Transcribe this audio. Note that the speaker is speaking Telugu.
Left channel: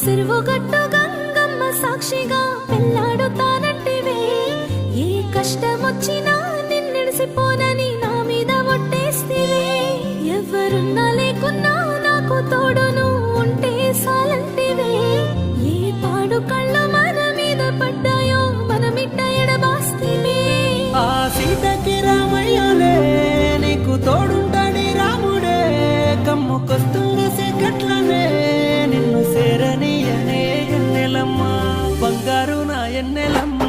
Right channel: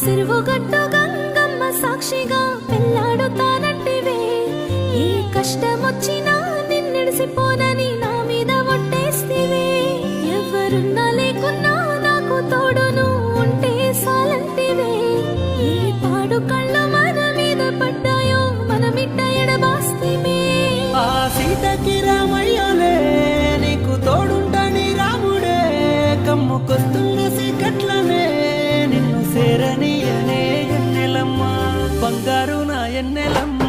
సిరువుగట్టు గంగమ్మ సాక్షిగా పెళ్ళాడుతానంటివే, ఏ కష్టమొచ్చినా నిన్నెడిసిపోనని నా మీద ఒట్టేస్తివే. ఎవరున్నా లేకున్నా నాకు తోడును ఉంటే సాలంటివే, ఏ పాడు కళ్ళు మన మీద పడ్డాయో మనమిట్ట ఎడబాస్తివే. ఆ సీతకి రామయ్యలే నీకు తోడుంటాని రాముడే, కమ్ముకొస్తున్న సిగ్గట్లనే నిన్ను సేరనీయనే ఎన్నెలమ్మ, బంగారు నా ఎన్నెలమ్మ.